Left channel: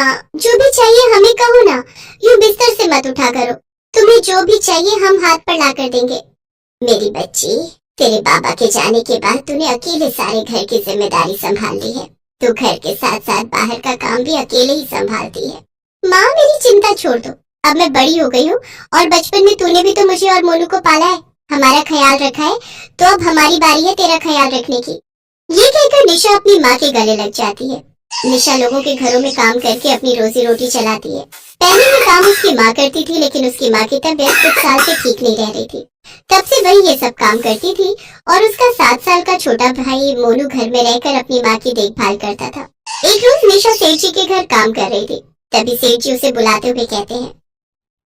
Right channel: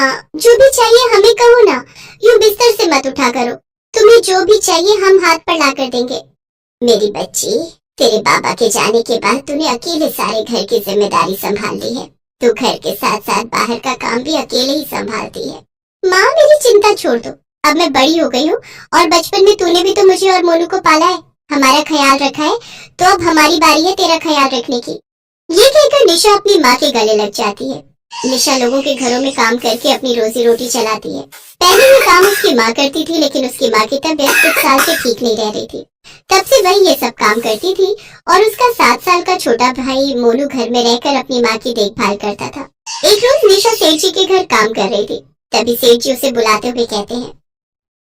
माँ, जो भी चाहिए हमें कहो ना, यूं बिस्तर से मत उठा करो। तुम्हें जो भी चाहिए हम हाथ पर ला कर देंगे। मेरी बच्ची, तेरे बाबा के जाने के बाद तूने अकेले सारे घर की जिम्मेदारी संभाल ली है। तू घर के साथ साथ बाहर का काम भी अकेले ही संभालती है। माँ, मेरी चिंता छोड़ दो, अब मैं बड़ी हो गई हूँ और बचपन में तूने भी तो मुझे और मोनू को पाला है, हमारा ख्याल रखा है, तो अब हमारी बारी है तेरा ख्याल रखने की। ये कहकर निशा अपनी माँ के गले लग जाती है। निशा लोगों के घरों में काम करके अपनी रोजी रोटी चलाती है। पहले ये काम उसकी माँ करती थी, लेकिन उसकी माँ की तबीयत कुछ साल से ठीक नहीं रह रही थी। तब से वही ये सब काम करती थी और उसका 7 साल का छोटा भाई मोनू घर में रहकर अपनी माँ की देखभाल करता था। एक रोज निशा सेठ जी के घर काम कर रही थी, तभी सेठ जी उसे बुलाते हुए कहते हैं,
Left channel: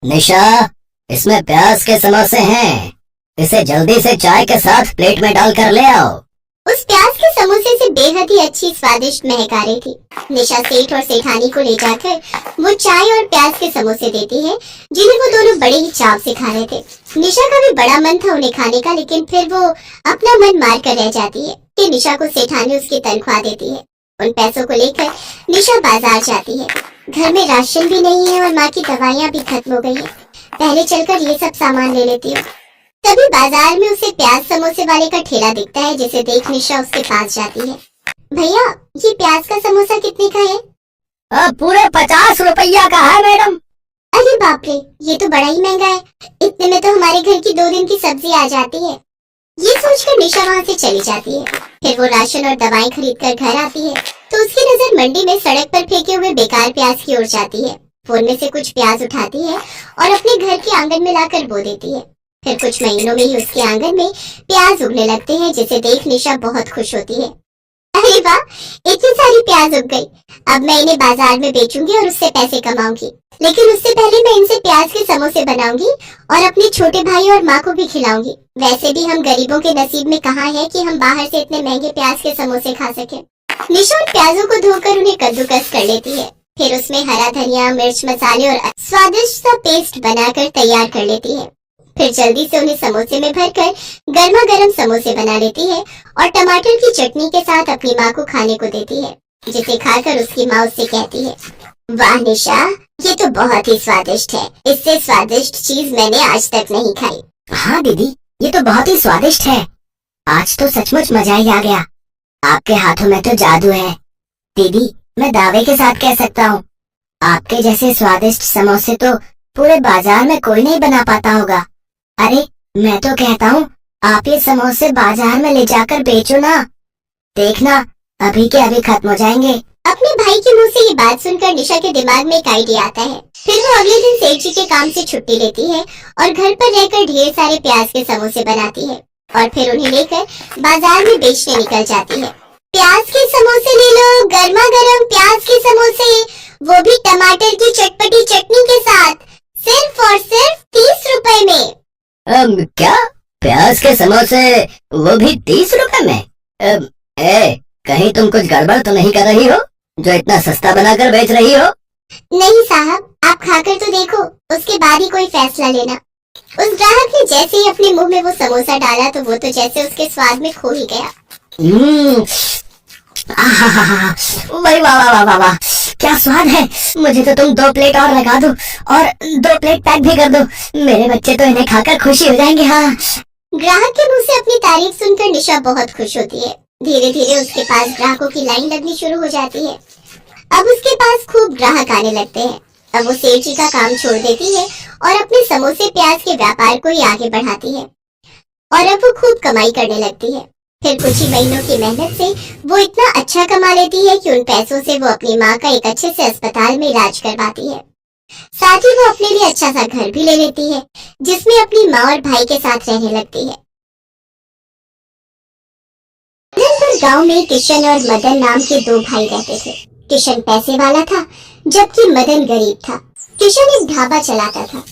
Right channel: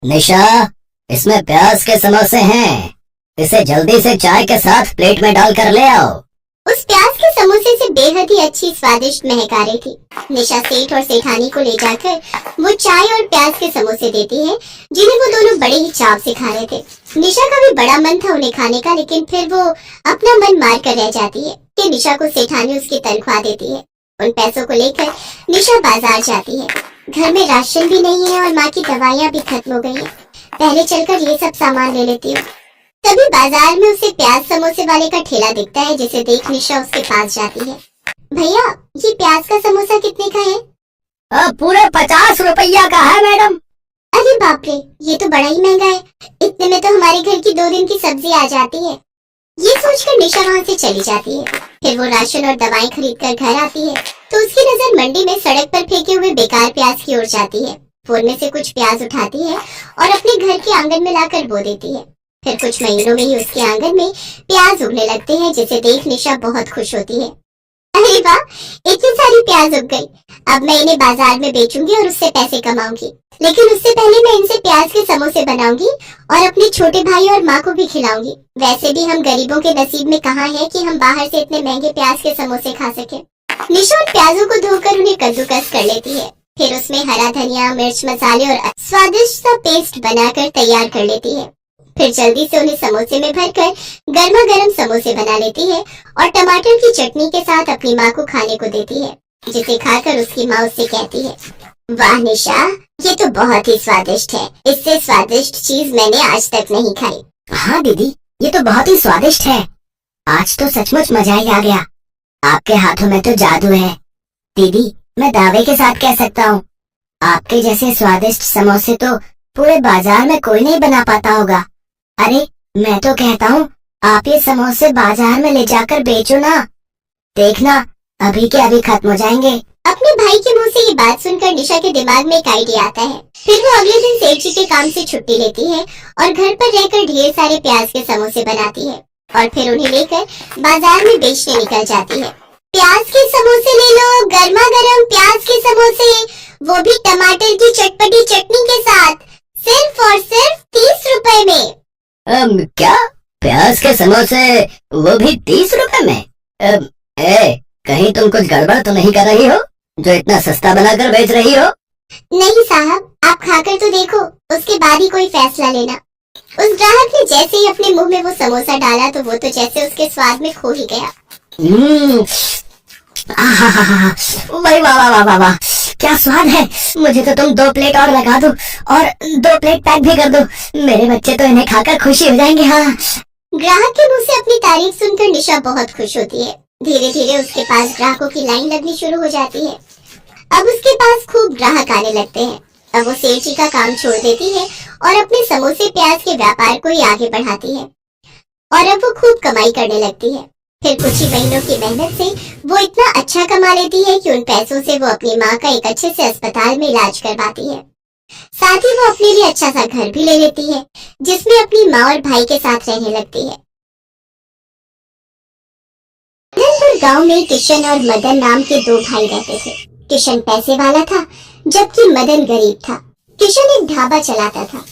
निशा, इसमें प्याज के समोसे हैं, इसे जल्दी से चाय के साथ प्लेट में डालकर ले आओ। उस प्याज के समोसे से बेहद ही अच्छी स्वादिष्ट महक आ रही थी। निशा सेठ और सेठानी को ले जाकर वो चाय और प्याज के समोसे देती है, जिन्हें वो दोनों बड़े ही चाव से खा रहे थे। निशा का भी बड़ा मन था उन्हें खाने का, लेकिन फिर वो अपना मन मार कर रह जाती है कि निशा को सेठानी उसकी तनख्वाह देती है। उन पैसों को लेकर निशा बाजार जाती है। घर में राशन भी नहीं है और माँ की दवाइयाँ भी खत्म हो गई है। पहले चलकर ये सब सामान ले लेती हूँ। तभी बाजार में उसे प्याज समोसे वाले का ठेला दिखता है, जिसे देख निशा उसके पास जाती है। भैया, ये प्याज का समोसा कितने का है? पूरे 50 रुपया का है मैडम। अरे बाप रे, ये तो बड़ा ही महंगा है। इतने में तो हमारे घर की 2 दिन की सब्जी आ जाती है। ये सोचकर निशा वहाँ से चली जाती है। फिर वो राशन और दवाएं खरीद कर घर आती है तो उसकी नजर मंडी में सड़क पर फेंके हुए बेकार प्याज की ओर जाती है। वो उनमें से कुछ प्याज उठाती है और अपने घर के आंगन में लाकर बो देती है। फिर कुछ महीनों में ही उसके आंगन में प्याज उगने लगते हैं, जिसे देख निशा बहुत खुश होती है। अरे वाह, इतनी सारी प्याज उग गई, अब मैं इन्हें बाजार में बेचूंगी और उससे पैसे कमाऊंगी। लेकिन उससे पहले मैं इनसे प्याज के समोसे बनाऊंगी और अपने छोटे भाई और माँ को भी खिलाऊंगी। वैसे भी हम गरीबों के नसीब में कहाँ है कि हम बाहर से इतने महंगे प्याज के समोसे खा सके। निशा उन प्याजों को धोकर उन्हें कद्दूकस कर लेती है। फिर उसमें हरा धनिया, मिर्च मसाले और स्वादिष्ट सा पेस्ट बनाकर तैयार कर लेती है। फिर जल्दी से उन्हें समोसे में भरकर गर्मा गर्म समोसे बना लेती है और टमाटर की चटनी के साथ अपनी माँ को खाने को देती है, जिसे खाकर उसकी माँ उससे कहती है, वाह निशा, ये तो बहुत ही स्वादिष्ट है। इससे स्वादिष्ट चीज मैंने आज तक नहीं खाई। हाँ दीदी, ये तो बहुत ही स्वादिष्ट है। आज तो सचमुच मजा ही आ गया। आपके हाथों में तो जादू है। दीदी, मैं दावे के साथ कह सकता हूँ, आपके जैसे स्वादिष्ट समोसे तो पूरे बाजार में कोई नहीं बना पाता होगा। अरे मैं तो कहता हूँ, आप ये समोसे बाजार में ले जाकर बेचो ना, देखना अभी के अभी खत्म हो जाएंगे। अपने भाई के मुंह से ये बात सुनकर निशा के दिमाग में एक आइडिया आता है। फिर वो अगले दिन सेठ जी के काम से छुट्टी लेती है और घर पर रहकर ढेर सारे प्याज के समोसे बनाती है और फिर उन्हें लेकर बाजार में बेचने निकल जाती है। प्याज के समोसे ले लो, गर्मा गर्म प्याज के समोसे, वो भी टमाटर की चटपटी चटनी के साथ, सिर्फ और सिर्फ 30 रुपए में। क्या? प्याज के समोसे, वो भी 30 रुपए में? कहीं तुम कुछ गड़बड़ तो नहीं कर रही हो, जो इतना सस्ता बनाकर बेच रही हो? नहीं साहब, आप खाकर तो देखो, उसके बाद ही कोई फैसला लेना। उस ग्राहक ने जैसे ही अपने मुंह में वो समोसा डाला तो वो तो जैसे उसके स्वाद में खो ही गया। वाह वाह वाह वाह वाह, क्या स्वाद है। मुझे तो तुम 2 प्लेट और लगा दो और 2 प्लेट पैक भी कर दो। मेरे बच्चे तो इन्हें खाकर खुशी हो जाएंगे। हाँ। ग्राहक के मुंह से अपनी तारीफ सुनकर निशा बहुत खुश होती है। धीरे धीरे उसके पास ग्राहकों की लाइन लगनी शुरू हो जाती है। अब उसके पास खूब ग्राहक आने लगते हैं। अब वो सेठ जी का काम छोड़ देती है और अपने समोसे प्याज के व्यापार को ही आगे बढ़ाती है और अब वो खूब कमाई करने लगती है। फिर कुछ ही महीनों की मेहनत से वो इतना अच्छा कमा लेती है कि उन पैसों से वो अपनी माँ का एक अच्छे से अस्पताल में इलाज करवाती है। साथ ही वो अपने लिए अच्छा सा घर भी ले लेती है, जिसमें अपनी माँ और भाई के साथ रहने लगती है। गांव में किशन और मदन नाम के 2 भाई रहते थे। किशन पैसे वाला था, जबकि मदन गरीब था। किशन एक ढाबा चलाता था।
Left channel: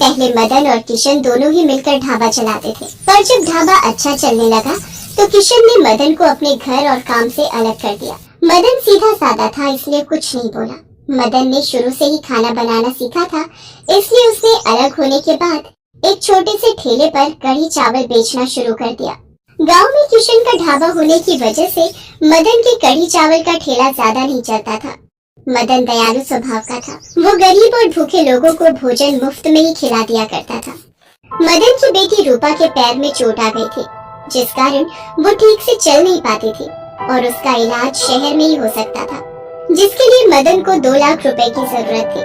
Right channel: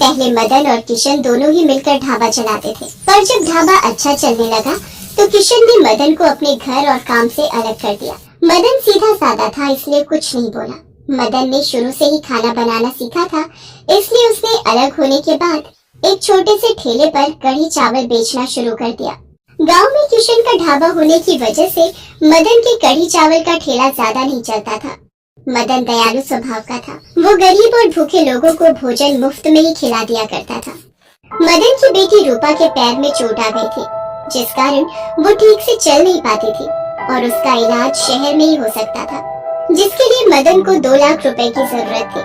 पहले मदन और किशन दोनों ही मिलकर ढाबा चलाते थे, पर जब ढाबा अच्छा चलने लगा तो किशन ने मदन को अपने घर और काम से अलग कर दिया। मदन सीधा साधा था, इसलिए कुछ नहीं बोला। मदन ने शुरू से ही खाना बनाना सीखा था, इसलिए उसने अलग होने के बाद एक छोटे से ठेले पर कढ़ी चावल बेचना शुरू कर दिया। गांव में किशन का ढाबा होने की वजह से मदन के कढ़ी चावल का ठेला ज्यादा नहीं चलता था। मदन दयालु स्वभाव का था। वो गरीब और भूखे लोगों को भोजन मुफ्त में ही खिला दिया करता था। मदन की बेटी रूपा के पैर में चोट आ गई थी, जिस कारण वो ठीक से चल नहीं पाती थी और उसका इलाज शहर में ही हो सकता था, जिसके लिए मदन को 2 लाख रुपए की जरूरत थी।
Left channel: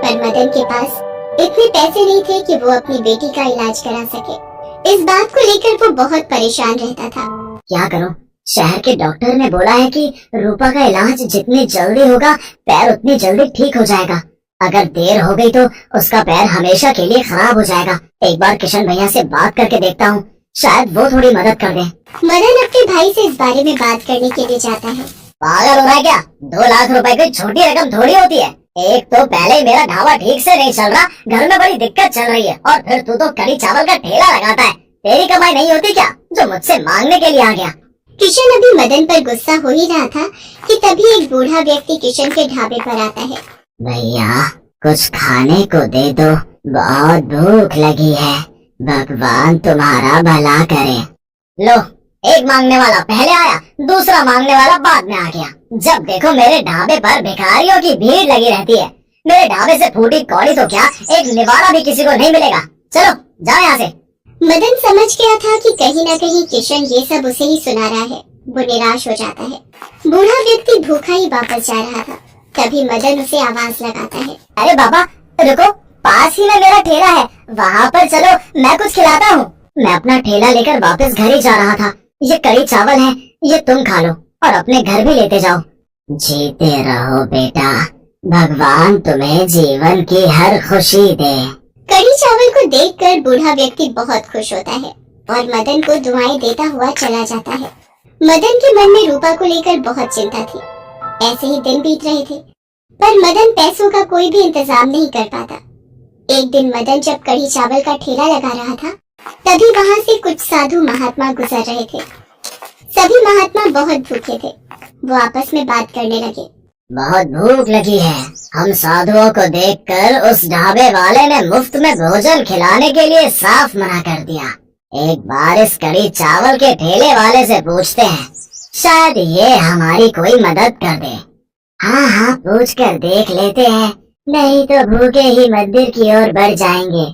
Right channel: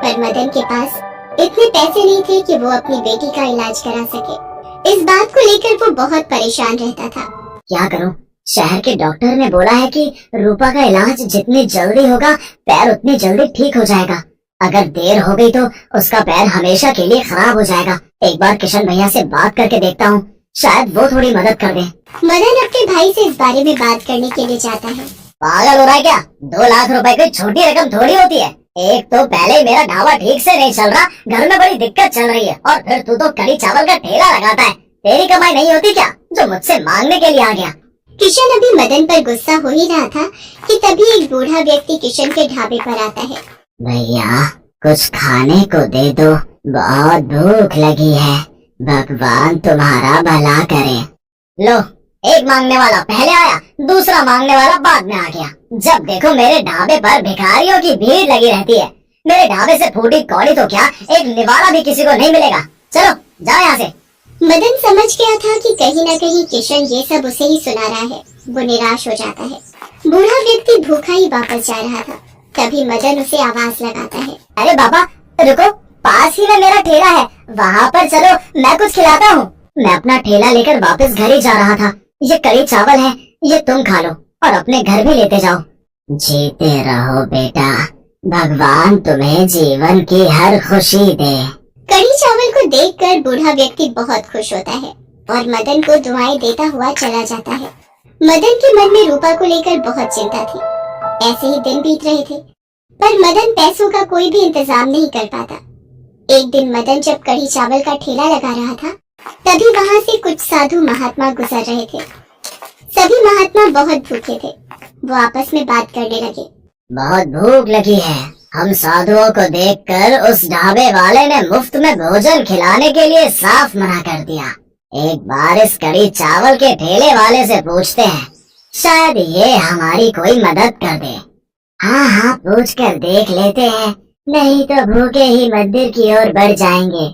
पर मदन के पास इतने पैसे नहीं थे कि वो अपनी बेटी का इलाज करा सके। इस बात को लेकर वो बहुत परेशान रहता था। क्या करूं? शहर के डॉक्टर ने बोला है कि रूपा का इलाज जितनी जल्दी होगा पैर उतनी जल्दी ठीक हो जाएगा। अगर देर हो गई तो उसका पैर हमेशा के लिए खराब हो जाएगा। एक बार किशन भैया से बात करके देखता हूँ, शायद वो थोड़ी मदद कर दे। मदन अपने भाई से इस बारे में बात करने के लिए जाता है। पागल हो रहा है क्या? 2 लाख रुपए कोई छोटी रकम थोड़ी होती है। एक तो पहले ही मेरा ढाबा ठीक से नहीं चल रहा, घर में बड़ी दिक्कत चल रही है, और फिर तू तो कड़ी चावल का ठेला लगाता है। तेरी कमाई नहीं होती क्या जो मुझसे मांगने के लिए आ गया? किशन अभी मदन पर गुस्सा हो ही रहा था कि तभी एक बूढ़ा व्यक्ति किशन के ढाबे पर आता है। भैया कुछ खाने को दे दो, बहुत भूख लगी है। भगवान तुम्हारा भला करे। लो, एक मांगने वाला पहले आया, दूसरा मांगने वाला बाद में आ गया। जब देखो मेरे ढाबे पर भिखारियों की भीड़ लगी रहती है। मेरे ढाबे से फूटी कौड़ी तो क्या, एक निवाला भी किसी को नहीं मिलेगा। चलो जाओ यहाँ से। मदन समझ गया था कि कहीं न कहीं किशन ये सब उसे ही सुना रहा है। वो निराश हो जाता है। बूढ़ा व्यक्ति भूखा ही वापस जा रहा था, तभी मदन उसे आवाज लगाता है। अरे बाबा रुको, पास ही में मेरा ठेला है, वहाँ पर चलो, मैं कुछ खिलाता हूँ। मैं अपना ठेला लेकर वापस घर ही जा रहा था। ये कड़ी चावल है, ये तुम खा लो और अपने घर भी लेते जाओ। जीते रहो बेटा, भगवान तुम्हें जीवन की हर खुशी दे। कड़ी चावल को देखकर बूढ़ा व्यक्ति बहुत खुश होता है और मदन को दुआएं देता हुआ चला जाता है। मदन के मन में रूपा को लेकर बहुत चिंता थी। ऐसे ही दिन बीत रहे थे, पर मदन पैसों का कोई भी इंतजाम नहीं कर पाता। एक दिन मदन जब कड़ी चावल का ठेला लगा रहा था, तभी वहाँ से कुछ साधु महात्मा गुजर रहे थे। सभी महात्मा बहुत भूखे थे। वो आपस में बात करने लगे। बहुत भूख लगी है। हम साधुओं को देखकर उस ढाबे वाले ने मुफ्त में भोजन खिलाने के लिए साफ मना कर दिया। एक बार इस कड़ी चावल के ठेले वाले से पूछते हैं, शायद ये हमारी कोई मदद कर दे। हाँ हाँ, पूछ कर देख लेते हैं, नहीं तो भूखे ही मंदिर की ओर बढ़ जाएंगे।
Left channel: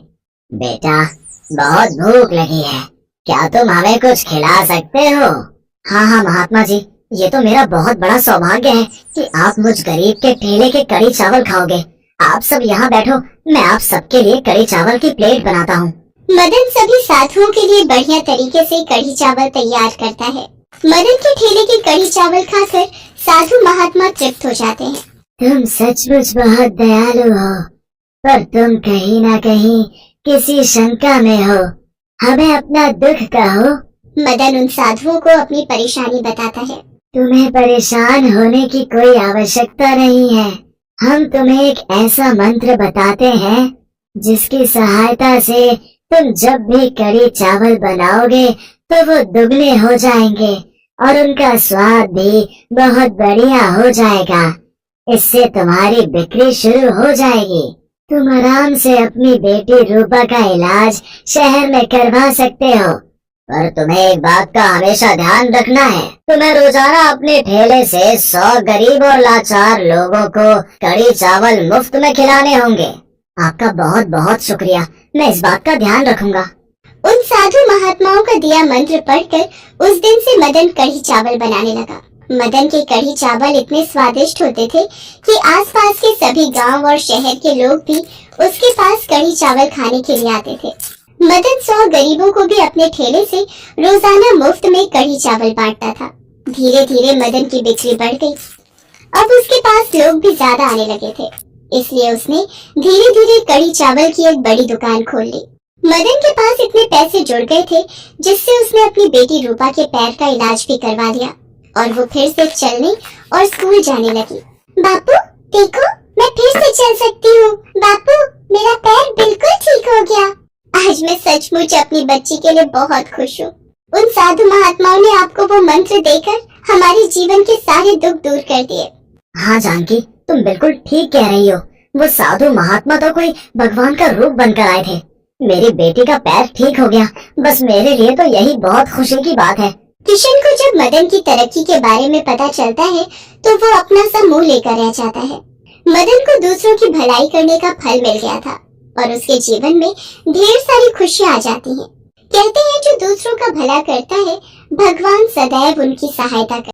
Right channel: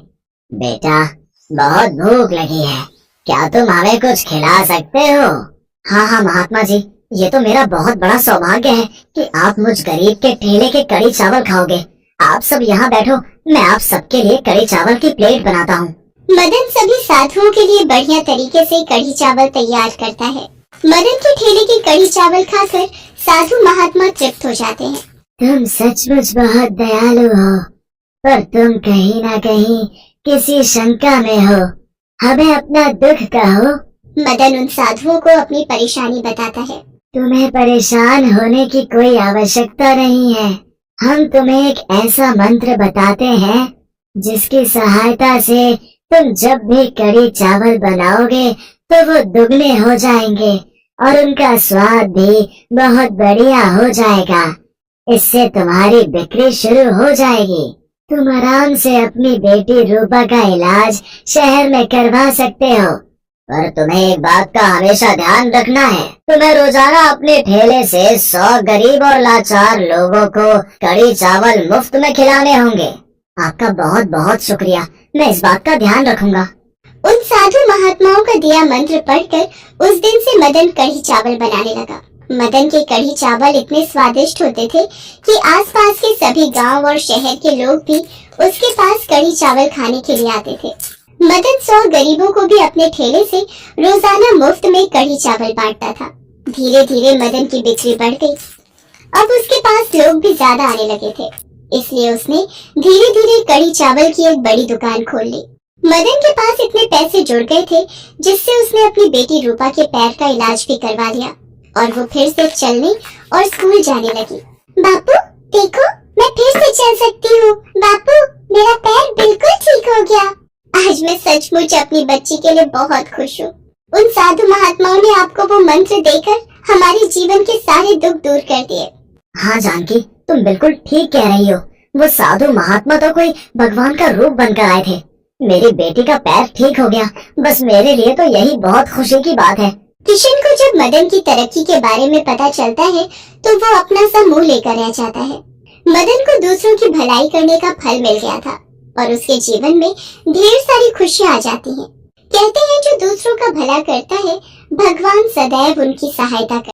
बेटा बहुत भूख लगी है, क्या तुम हमें कुछ खिला सकते हो? हाँ हाँ महात्मा जी, ये तो मेरा बहुत बड़ा सौभाग्य है कि आप मुझ गरीब के ठेले के कड़ी चावल खाओगे। आप सब यहाँ बैठो, मैं आप सबके लिए कड़ी चावल की प्लेट बनाता हूँ। मदन सभी साधुओं के लिए बढ़िया तरीके से कड़ी चावल तैयार करता है। मदन के ठेले की कड़ी चावल खाकर साधु महात्मा तृप्त हो जाते हैं। तुम सचमुच बहुत दयालु हो, पर तुम कहीं ना कहीं किसी शंका में हो। हमें अपना दुख कहो। मदन उन साधुओं को अपनी परेशानी बताता है। तुम्हें परेशान होने की कोई आवश्यकता नहीं है। हम तुम्हें एक ऐसा मंत्र बताते हैं जिसकी सहायता से तुम जब भी कड़ी चावल बनाओगे तो वो दुगने हो जाएंगे और उनका स्वाद भी बहुत बढ़िया हो जाएगा। इससे तुम्हारी बिक्री शुरू हो जाएगी। तुम आराम से अपनी बेटी रूपा का इलाज शहर में करवा सकते हो। पर तुम्हें एक बात का हमेशा ध्यान रखना है, तुम्हें रोजाना अपने ठेले से 100 गरीब और लाचार लोगों को कड़ी चावल मुफ्त में खिलाने होंगे। आपका बहुत बहुत शुक्रिया, मैं इस बात का ध्यान रखूंगा। उन साधु महात्माओं का दिया मंत्र पढ़कर उस दिन से मदन कढ़ी चावल बनाने लगा। मदन के कढ़ी चावल इतने स्वादिष्ट होते थे कि आसपास के सभी गांव और शहर के लोग भी उसके पास कढ़ी चावल खाने के लिए आते थे। मदन 100 गरीबों को भी अपने ठेले से रोजाना मुफ्त में कढ़ी चावल बांटता था। धीरे धीरे मदन की बिक्री बढ़ गई। अब उसके पास लोग भी ज्यादा आने लगे थे, इसलिए उसने धीरे धीरे कढ़ी चावल की एक बड़ी दुकान खोल ली। मदन के पास इतने पैसे जुड़ गए थे जिससे उसने अपनी बेटी रूपा के पैर का इलाज भी करवा लिया और वो फिर से चलने और स्कूल जाने लगी। बापू देखो, मैं फिर से चल सकती हूँ। बापू मेरा पैर बिल्कुल ठीक हो गया। आज मैं सचमुच अपनी बच्ची के लिए बहुत खुश हूँ। उन साधु महात्माओं ने आपको वो मंत्र देकर हमारे जीवन के सारे दुख दूर कर दिए। हाँ जानकी, तुम बिल्कुल ठीक कह रही हो। वो साधु महात्मा तो कोई भगवान का रूप बनकर आए थे। मेरी बेटी का पैर ठीक हो गया, बस मेरे लिए तो यही बहुत खुशी की बात है। किशन को जब मदन की तरक्की के बारे में पता चलता है तो वो अपना सा मुंह लेकर रह जाता है। मदन को दूसरों की भलाई करने का फल मिल गया था और उसके जीवन में ढेर सारी खुशियां आ जाती हैं। कहते हैं जो दूसरों का भला करता है भगवान सदैव उनकी सहायता करता है।